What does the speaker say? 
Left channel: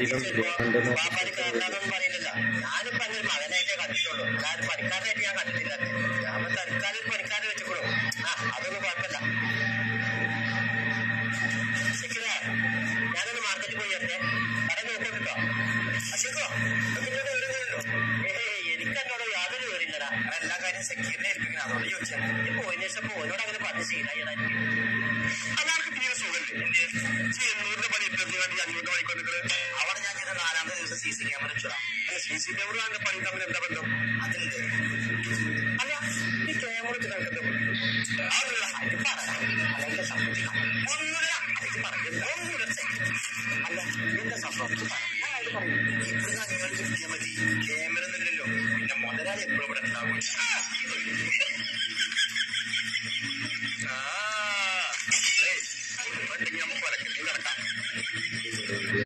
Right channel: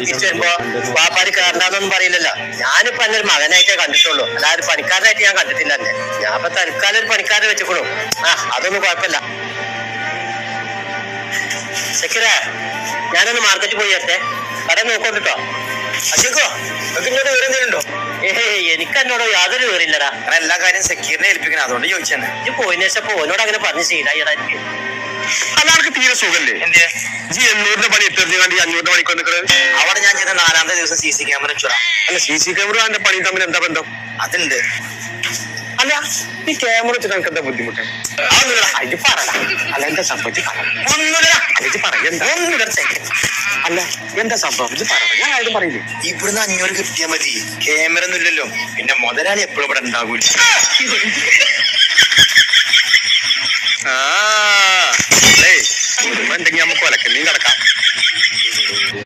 തിരിച്ചു വരുമ്പോ വാപ്പാര് കയറണ്ടെന്നൊന്നും പറയില്ലല്ലോ. ഞാനിപ്പോ എന്നെ ഒരു മകനായിട്ടേ കണ്ടിട്ടുള്ളൂ, അല്ലാതെ പണിക്കാരനായിട്ട് ഞാൻ കണ്ടിട്ടില്ല. എന്നെ ഞാൻ ഇപ്പൊ തൽക്കാലം ഒരു പണിക്കാരെ വെച്ചോളൂ. അതൊന്നും കുഴപ്പമില്ല. സെക്യൂരേ, ഞാനൊന്ന് മാർക്കറ്റിൽ പോയി വരട്ടെ, കട നോക്കോട്ടോ. അശോക്കോ, ഇങ്ങോട്ട് വിവരണ്ടോ? എനിക്ക് എന്നോട് യാതൊരു വിവരമില്ലടാ. എല്ലാ കാര്യം സെക്യൂരിനെ ഏൽപ്പിക്കണം, അതുകൊണ്ട് ചോദിച്ചാണ്. ഇത് പോയിന് ശേഷം ഓനോട് അങ്ങനെ പറഞ്ഞ് ശീലായിടാ. എനിക്ക് അല്ലാർക്ക് തീരെ സുഖല്ലേ? എന്തിയെ 800 പണി എത്തി 500 പണിക്ക് നിൽക്കുന്നത്? അവിടെ ഞാൻ ചെയ്ത 4-ാമത്തെ ദിവസം CC ക്യാമറ വെച്ചോടാ. അല്ല, CC ക്യാമറ എന്റെ പണി തമ്മിൽ എന്താ ബന്ധം? അതുണ്ട്. അല്ല, ഈ ക്യാമറ വെച്ചിട്ട് എനിക്ക് എന്താ ബുദ്ധിമുട്ട്? ഇത് പറയണം. അല്ല, എന്താ സംഭവിച്ചു? ഒന്നുമില്ല, ഇത് പറയണ്ട. അല്ല, എന്താ സംഭവം? ഇത് പറ, ഞാൻ ആരും പറയില്ലേ. ഇവിടുന്ന് 500 കിട്ടിയാ മതി. ക്യാമറ ഒന്നും ഇല്ലല്ലോ, പിന്നെ മുതലാളി എപ്പോഴും ഇവിടെ ഉണ്ടാകൂല. ഉണ്ടെങ്കിൽ നമുക്ക് കൊലക്കല്ലേയും കിടക്കാം.